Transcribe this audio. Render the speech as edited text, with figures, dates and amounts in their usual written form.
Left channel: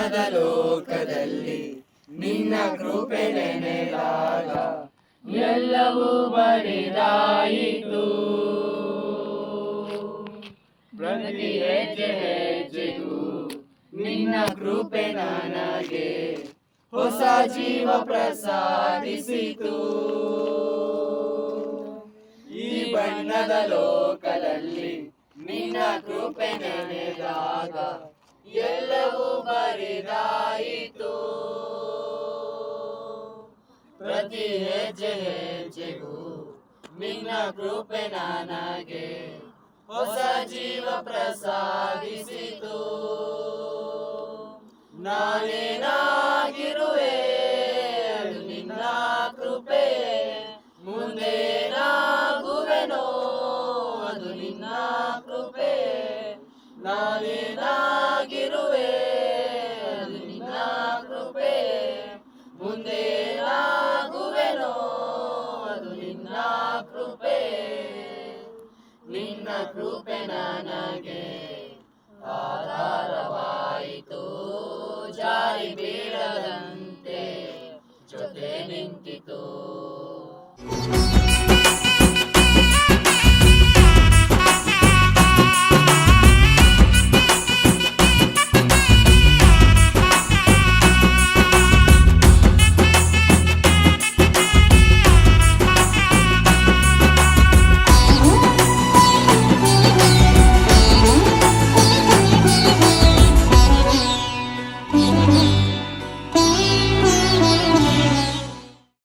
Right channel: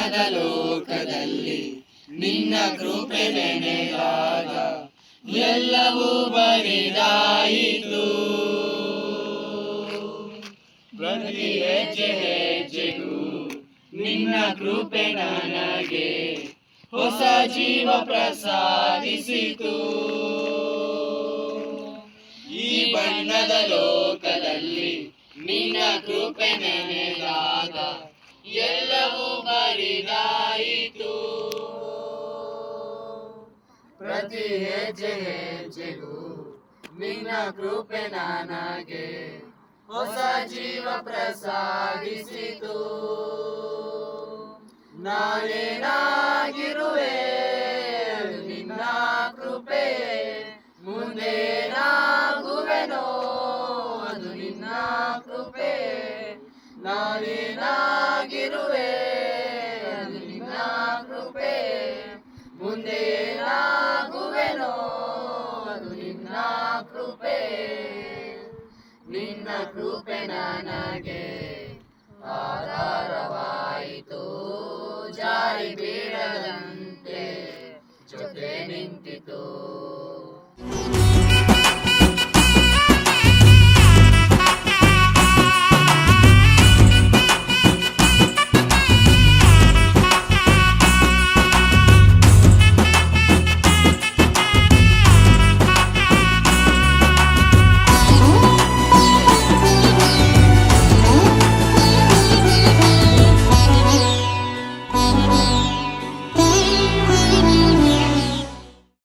ಬಣ್ಣದ ಲೋಕದಲ್ಲಿ ನಿನ್ನ ಕೃಪೆ ನೆನೆದಾಗ ಎಲ್ಲವೂ ಬರಿದಾಯಿತು. ಪ್ರತಿ ಹೆಜ್ಜೆ ಹೆಜ್ಜೆಗೂ ನಿನ್ನ ಕೃಪೆ ನನಗೆ ಹೊಸ ಜೀವ ಪ್ರಸಾದಿಸಿತು. ಈ ಬಣ್ಣದ ಲೋಕದಲ್ಲಿ ನಿನ್ನ ಕೃಪೆ ನೆನೆದಾಗ ಎಲ್ಲವೂ ಬರಿದಾಯಿತು. ಪ್ರತಿ ಹೆಜ್ಜೆ ಹೆಜ್ಜೆಗೂ ನಿನ್ನ ಕೃಪೆ ನನಗೆ ಹೊಸ ಜೀವ ಪ್ರಸಾದಿಸಿತು. ನಾನೇನಾಗಿರುವೆ ಅದು ನಿನ್ನ ಕೃಪೆ, ಮುಂದೇನಾಗುವೆನೋ ಅದು ನಿನ್ನ ಕೃಪೆ. ನಾನೇನಾಗಿರುವೆ ಅದು ನಿನ್ನ ಕೃಪೆ, ಮುಂದೇನಾಗುವೆನೋ ಅದು ನಿನ್ನ ಕೃಪೆ. ನಿನ್ನ ಕೃಪೆ ನನಗೆ ಆಧಾರವಾಯಿತು, ಜಾರಿ ಬೀಳದಂತೆ ಜೊತೆ ನಿಂತಿತು.